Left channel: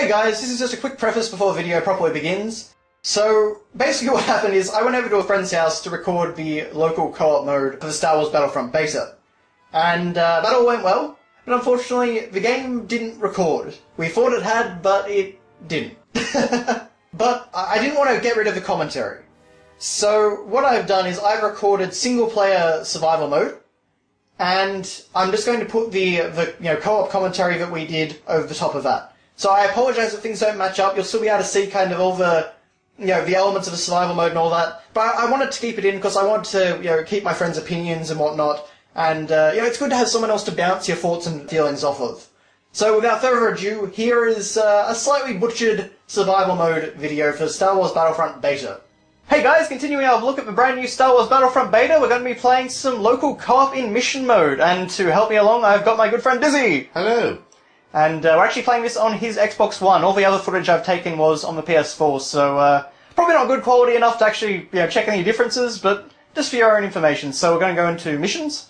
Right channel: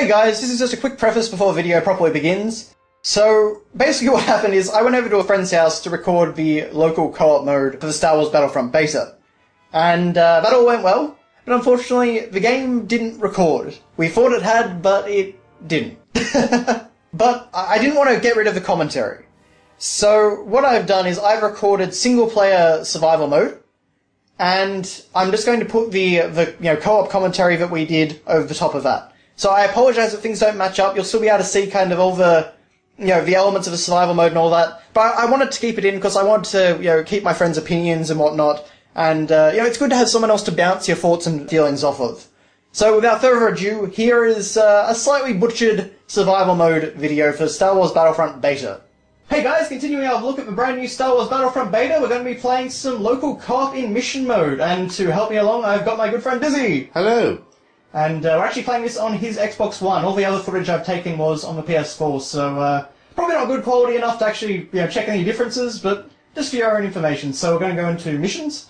Hey guys, this is just a quick preface before the video properly begins. So, basically what happened is I went over to a friend's house to record the local co-op mode for the Star Wars Battlefront Beta. And that all went well, but unfortunately the game didn't record. We thought it had, but it didn't. But I didn't want to get rid of the commentary. So what I've done is I've recorded single-player survival mode, and I'm just going to put the co-op commentary that we did over the top of that. So I apologise if things don't match up. You'll still be able to see kind of all the, the elements of the survival mode and all that. But I wanted to keep it in because I wanted to, keep my friends' opinions and whatnot. And, it's good to have someone else to bounce your thoughts and feelings off of. So without further ado, here is a slightly butchered survival mode video for Star Wars Battlefront Beta. Hey guys, continuing our look at the brand new Star Wars Battlefront Beta, we're going to be playing some local co-op in mission mode. And to help me along, I've got my good friend Dizzy. Hello. And we're actually playing this on his Xbox One. All the other footage I've taken was on the PS4, so probably not good quality enough to actually check any differences, but just for your own information. So we're going to go into missions.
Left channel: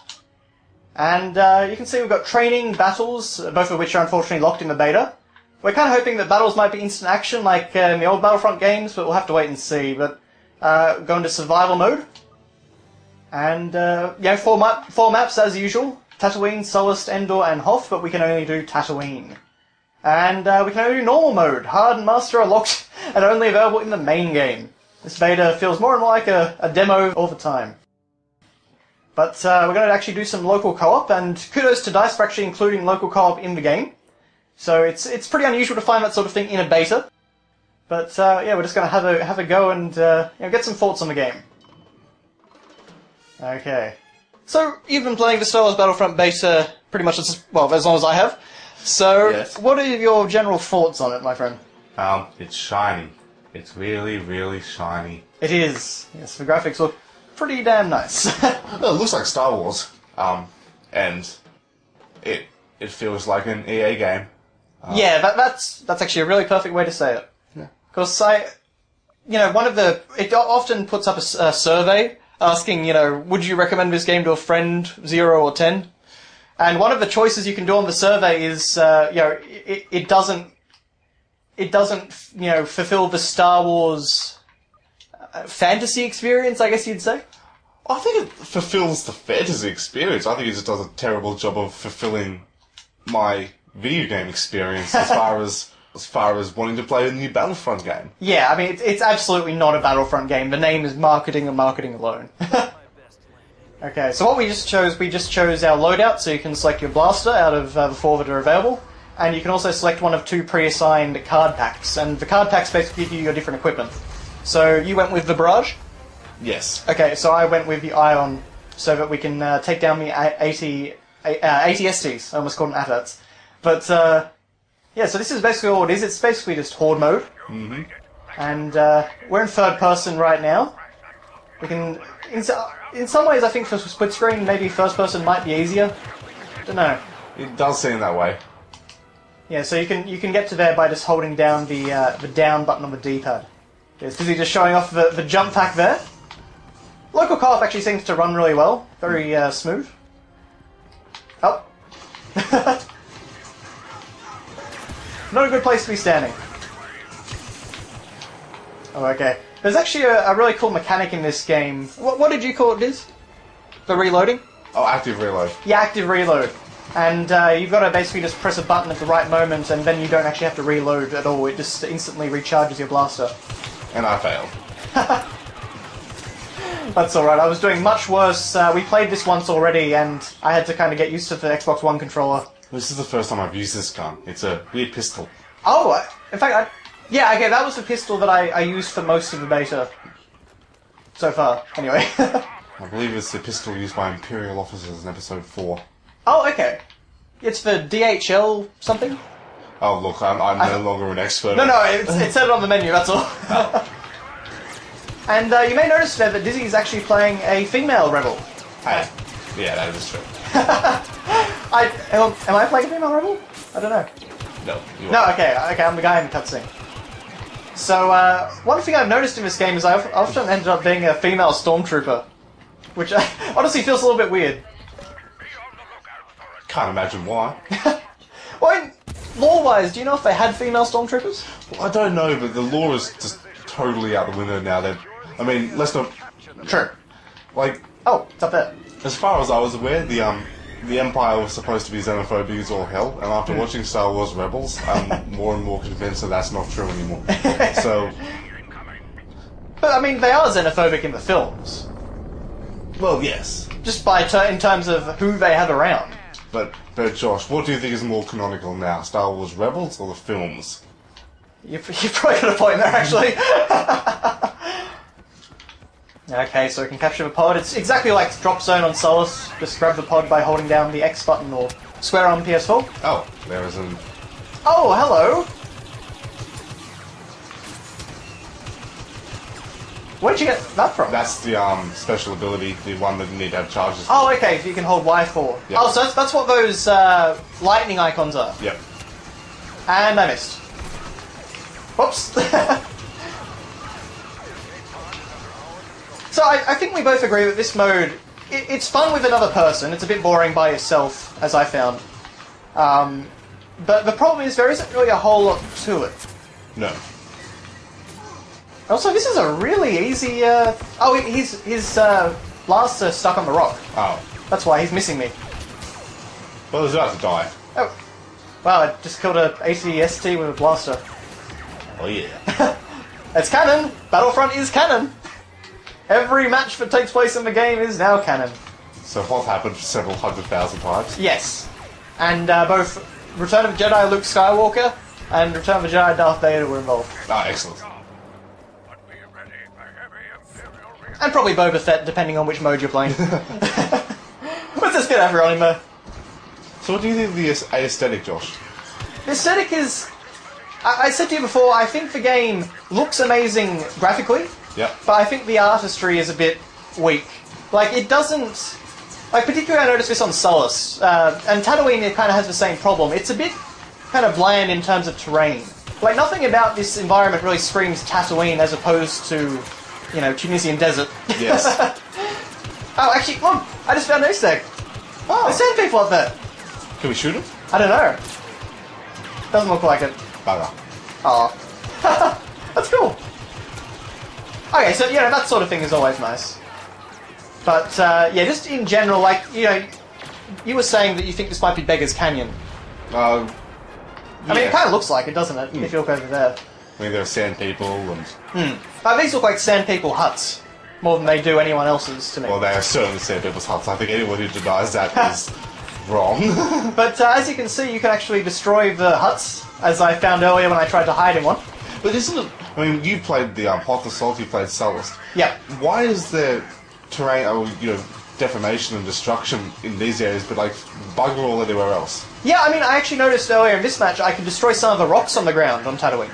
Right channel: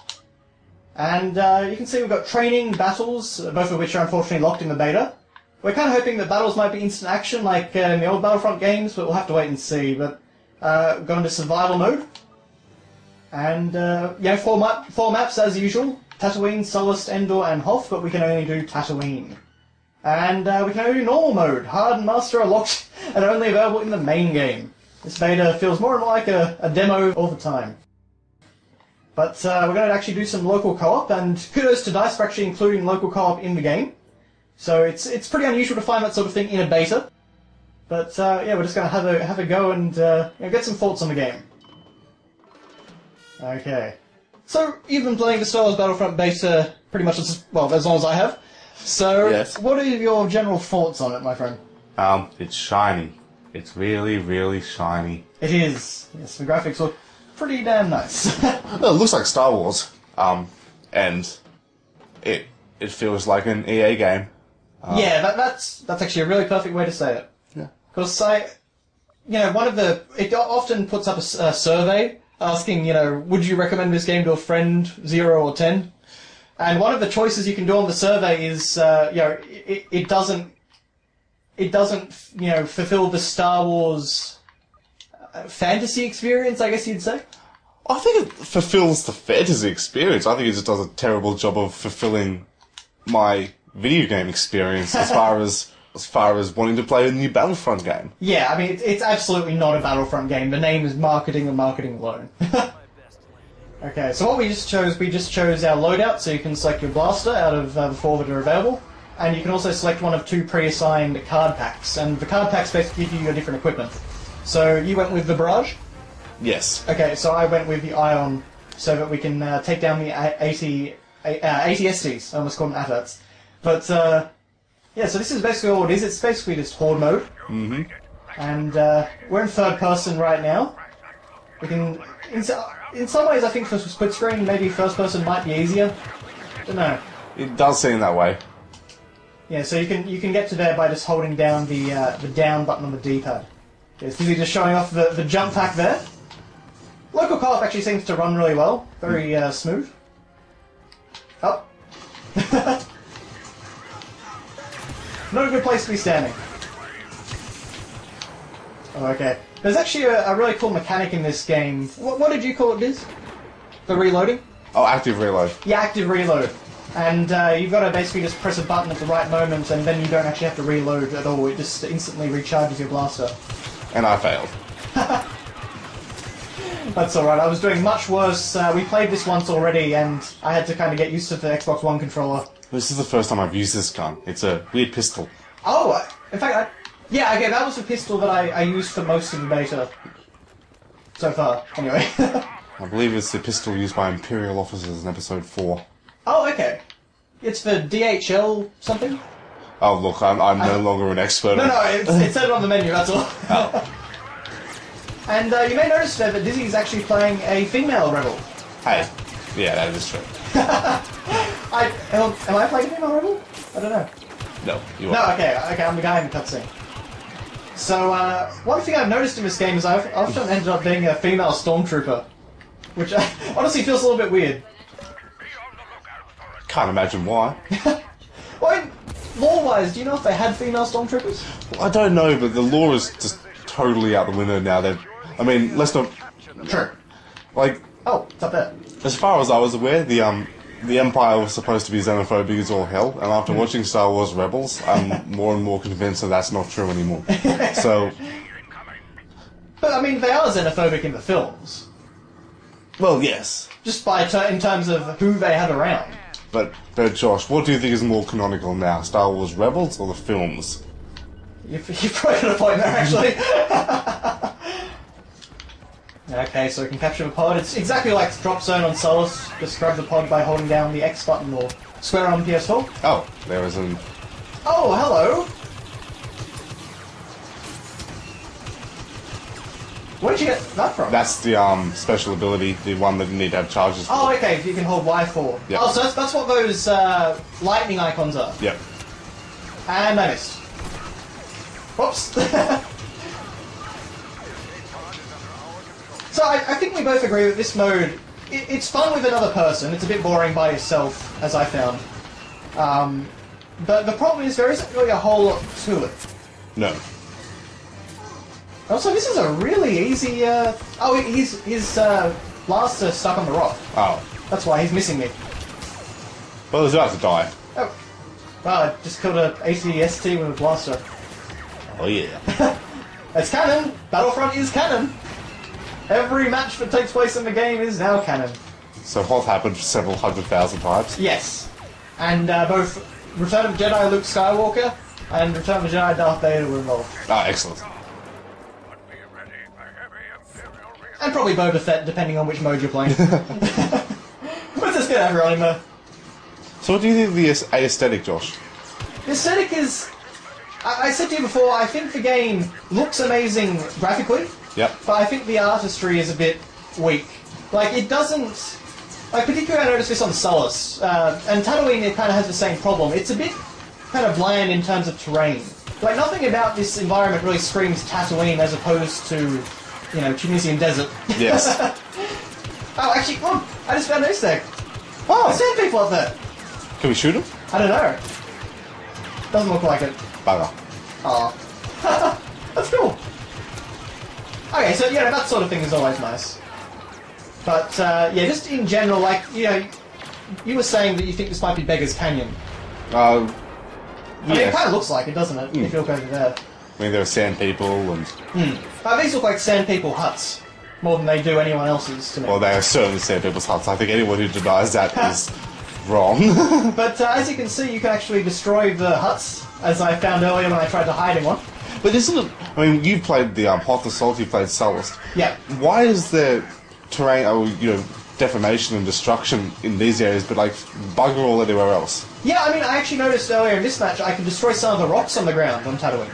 And you can see we've got training, battles, both of which are unfortunately locked in the beta. We're kind of hoping that battles might be instant action like in the old Battlefront games, but we'll have to wait and see. But go into survival mode. And, four maps as usual. Tatooine, Sullust, Endor, and Hoth, but we can only do Tatooine. And we can only do normal mode. Hard and Master are locked and only available in the main game. This beta feels more and more like a demo all the time. But we're going to actually do some local co-op, and kudos to DICE for actually including local co-op in the game. So it's pretty unusual to find that sort of thing in a beta. But we're just going to have a go and get some thoughts on the game. Okay. So, you've been playing the Star Wars Battlefront Beta pretty much as long as I have. So, yes. What are your general thoughts on it, my friend? It's shiny. It's really, really shiny. It is. Yes, the graphics look pretty damn nice. Well, it looks like Star Wars. And it feels like an EA game. Yeah, that's actually a really perfect way to say it. Yeah. Because it often puts up a survey asking, would you recommend this game to a friend, 0 or 10? And one of the choices you can do on the survey is, it doesn't fulfill the Star Wars fantasy experience, I guess you'd say. I think it fulfills the fantasy experience. I think it just does a terrible job of fulfilling my video game experience as far as wanting to play a new Battlefront game. Yeah, I mean, it's absolutely not a Battlefront game. The name is marketing and marketing alone. Okay, so what we just chose our loadout, so you can select your blaster out of the 4 that are available, and you can also select one of 2 pre-assigned card packs, and the card packs basically give you your different equipment. So you went with the Barrage? Yes. Okay, so I went with the Ion, so that we can take down the 80 STs. I almost called them ATATs. But, yeah, so this is basically all it is. It's basically just Horde mode. Mm-hmm. And we're in third person right now. We can... In some ways, I think for split screen, maybe first person might be easier. Don't know. It does seem that way. Yeah, so you can get to there by just holding down the down button on the D-pad. It's busy just showing off the jump pack there. Local co-op actually seems to run really well. Very smooth. Oh. Not a good place to be standing. Oh, okay. There's actually a really cool mechanic in this game. What did you call it, Diz? The reloading? Oh, active reload. Yeah, active reload. And you've got to basically just press a button at the right moment, and then you don't actually have to reload at all. It just instantly recharges your blaster. And I failed. That's alright, I was doing much worse. We played this once already, and I had to kind of get used to the Xbox One controller. This is the first time I've used this gun. It's a weird pistol. Oh, in fact, yeah, okay, that was the pistol that I used for most of the beta. So far, anyway. I believe it's the pistol used by Imperial officers in Episode 4. Oh, okay. It's for DHL something? Oh, look, I'm no longer an expert. No, it said it on the menu, that's all. Oh. And you may notice today that Dizzy is actually playing a female rebel. Hey, yeah, that is true. Am I playing a female rebel? I don't know. No, you are. No, okay, I'm the guy in the cutscene. So, one thing I've noticed in this game is I've often ended up being a female stormtrooper, which honestly feels a little bit weird. Can't imagine why. Well, lore-wise, do you know if they had female stormtroopers? Well, I don't know, but the law is just totally out the window now. I mean, let's not... Sure. Like... Oh, it's up there. As far as I was aware, the Empire was supposed to be xenophobic as all hell, and after watching Star Wars Rebels, I'm more and more convinced that that's not true anymore. So... But, I mean, they are xenophobic in the films. Well, yes. Just in terms of who they have around. But Josh, what do you think is more canonical now? Star Wars Rebels or the films? You've probably got a point there, actually. Okay, so we can capture the pod. It's exactly like Drop Zone on Solus. Just grab the pod by holding down the X button or square on PS4. Oh, there is an... Oh, hello! Where did you get that from? That's the special ability, the one that you need to have charges for. Oh, okay, you can hold Y4. Yep. Oh, so that's what those lightning icons are. Yep. And I missed. Whoops. So I think we both agree that this mode, it's fun with another person. It's a bit boring by yourself, as I found. But the problem is there isn't really a whole lot to it. No. Also, this is a really easy... Oh, his blaster stuck on the rock. Oh. That's why he's missing me. Well, he's about to die. Oh. Wow, I just killed a AT-ST with a blaster. Oh, yeah. It's canon! Battlefront is canon! Every match that takes place in the game is now canon. So what happened several 100,000 times? Yes. And both Return of the Jedi Luke Skywalker and Return of the Jedi Darth Vader were involved. Ah, excellent. And probably Boba Fett, depending on which mode you're playing. Let's just get everyone in there. So what do you think of the aesthetic, Josh? The aesthetic is... I said to you before, I think the game looks amazing graphically. Yep. But I think the artistry is a bit weak. Like, it doesn't... Like, particularly I noticed this on Solus. And Tatooine, it kind of has the same problem. It's a bit kind of bland in terms of terrain. Like, nothing about this environment really screams Tatooine as opposed to, you know, Tunisian desert. Yes. Oh, actually, come on! I just found an Easter egg. Wow, there's sand people up there. Can we shoot him? I don't know. Doesn't look like it. Bugger. Oh. That's cool. Okay, so, you know, that sort of thing is always nice. But, yeah, just in general, like, you know, you were saying that you think this might be Beggar's Canyon. I mean, it kind of looks like it, doesn't it, if you look over there. I mean, there are sand people and... These look like sand people huts, more than they do anyone else's to me. Well, they are certainly sand people's huts. I think anyone who denies that is wrong. But as you can see, you can actually destroy the huts, as I found earlier when I tried to hide in one. But isn't it... I mean, you played the Hot Assault, you played Solus. Yeah. Why is there terrain, or, you know, deformation and destruction in these areas, but, like, bugger all anywhere else? Yeah, I mean, I actually noticed earlier in this match I could destroy some of the rocks on the ground on Tatooine.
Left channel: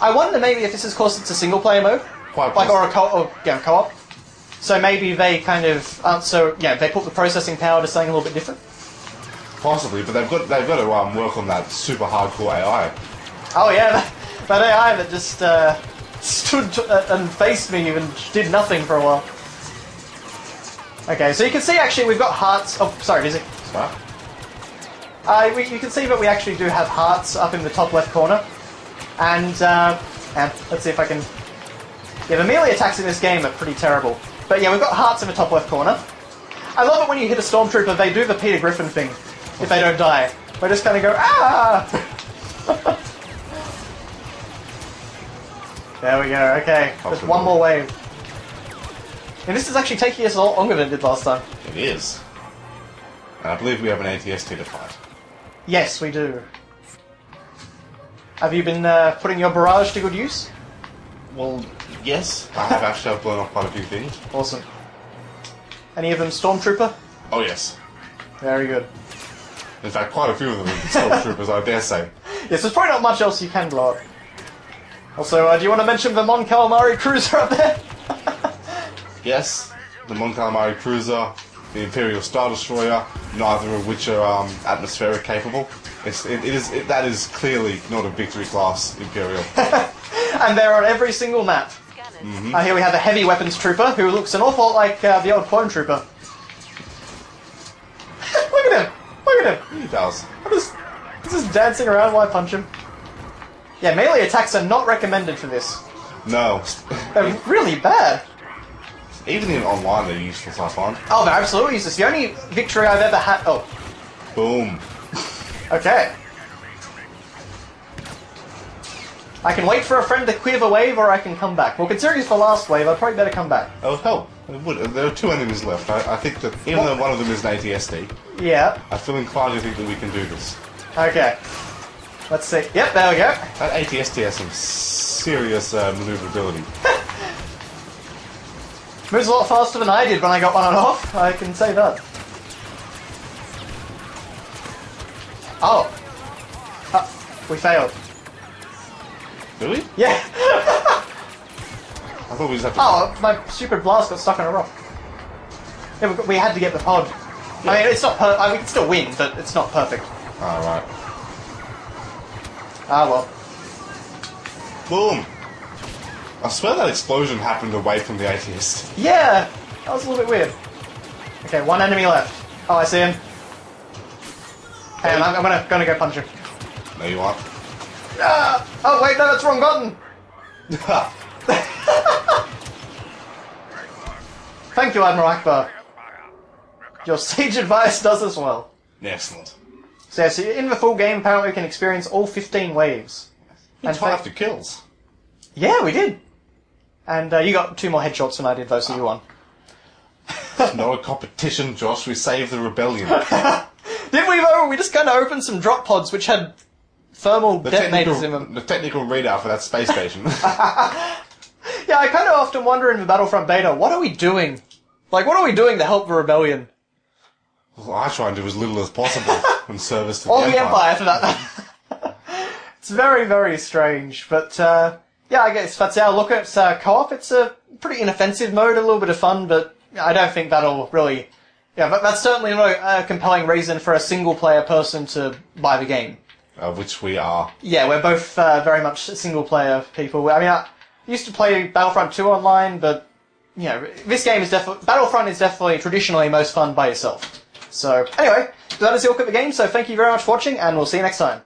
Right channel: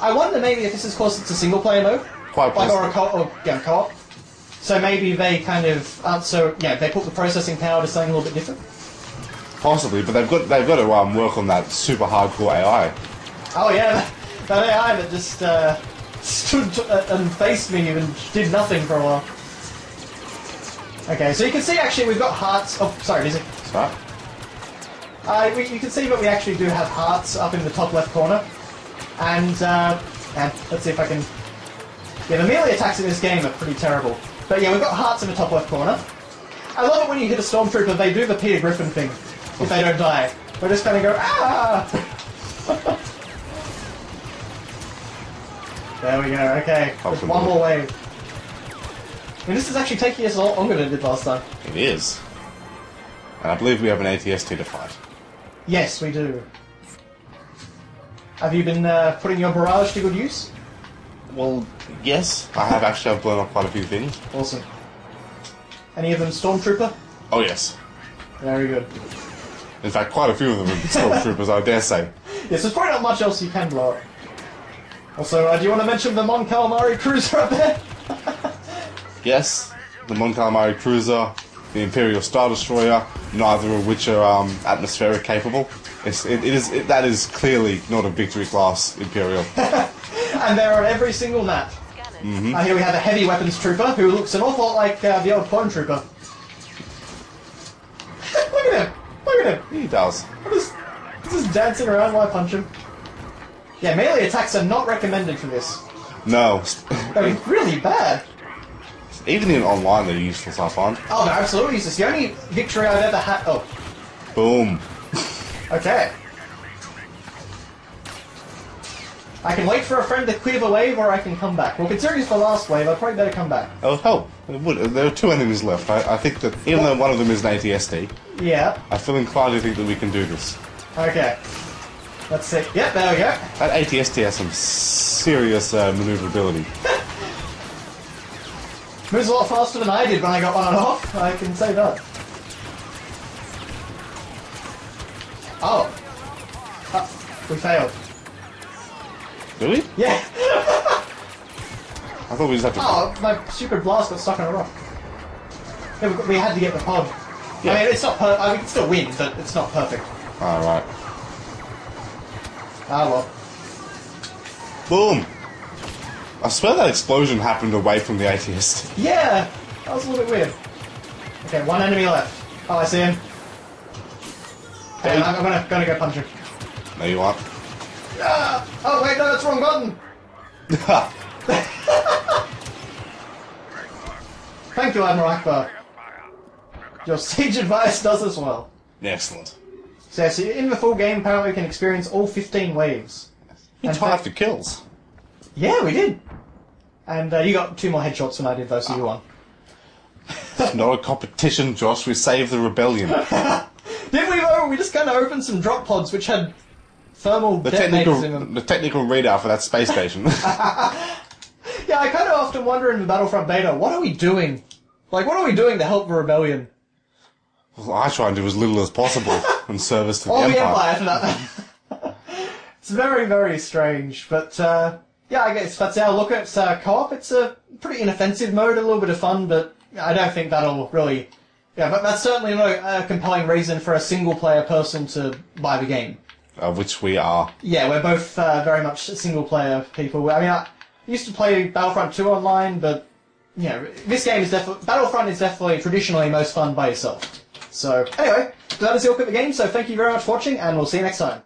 I wonder maybe if this is because it's a single-player mode, Quite like, or a co-op. So maybe they kind of aren't so... Yeah, they put the processing power to something a little bit different. Possibly, but they've got to work on that super hardcore AI. Oh yeah, that AI that just stood and faced me and did nothing for a while. Okay, so you can see actually we've got hearts... Oh, sorry, Dizzy. Sorry? You can see that we actually do have hearts up in the top left corner. And let's see if I can... Yeah, the melee attacks in this game are pretty terrible. But yeah, we've got hearts in the top left corner. I love it when you hit a stormtrooper, they do the Peter Griffin thing. If they don't die. We're just gonna go, ah! There we go, okay. Just one more wave. And this is actually taking us a lot longer than it did last time. It is. And I believe we have an ATST to fight. Yes, we do. Have you been putting your barrage to good use? Well, yes. I have actually blown off quite a few things. Awesome. Any of them Stormtrooper? Oh, yes. Very good. In fact, quite a few of them are Stormtroopers, I dare say. Yes, there's probably not much else you can blow up. Also, do you want to mention the Mon Calamari cruiser up there? Yes, the Mon Calamari cruiser, the Imperial Star Destroyer, neither of which are atmospheric capable. That is clearly not a victory class Imperial. And they're on every single map. Mm-hmm. Here we have a heavy weapons trooper who looks an awful lot like the old clone trooper. Look at him! Look at him! He does. What is just dancing around while I punch him. Yeah, melee attacks are not recommended for this. No. They're really bad. Even in online, they're useless, I find. Oh, they're absolutely useless. The only victory I've ever had... Oh. Boom. Okay. I can wait for a friend to clear the wave, or I can come back. Well, considering it's the last wave, I'd probably better come back. Oh, hell. It would. There are 2 enemies left. I think that, even though one of them is an ATSD, yeah, I feel inclined to think that we can do this. Okay. Let's see. Yep, there we go. That ATSD has some serious maneuverability. Moves a lot faster than I did when I got on and off, I can say that. Oh. We failed. Did we? Yeah. I thought we just had to... Oh, my stupid blast got stuck on a rock. Yeah, we had to get the pod. Yeah. I mean, it's not we can still win, but it's not perfect. Alright. Ah, well. Boom! I swear that explosion happened away from the ATSD. Yeah! That was a little bit weird. Okay, 1 enemy left. Oh, I see him. Hang on, I'm gonna go punch him. No, you aren't. Ah! Oh, wait, no, that's the wrong button! Thank you, Admiral Akbar. Your sage advice does as well. Excellent. So in the full game, apparently we can experience all 15 waves. You tied the kills. Yeah, we did. And you got 2 more headshots than I did, though, so you won. It's not a competition, Josh. We saved the rebellion. Did we, though? We just kind of opened some drop pods which had thermal detonators in them. The technical readout for that space station. Yeah, I kind of often wonder in the Battlefront Beta, what are we doing? Like, what are we doing to help the rebellion? Well, I try and do as little as possible in service to the Or Empire. the Empire, for that matter. It's very, very strange, but yeah, I guess that's our look at co-op. It's a pretty inoffensive mode, a little bit of fun, but I don't think that'll really... Yeah, but that's certainly not a compelling reason for a single-player person to buy the game. Which we are. Yeah, we're both very much single-player people. I mean, I used to play Battlefront 2 online, but, you know, this game is definitely... Battlefront is definitely traditionally most fun by yourself. So, anyway, that is your look at the game, so thank you very much for watching, and we'll see you next time.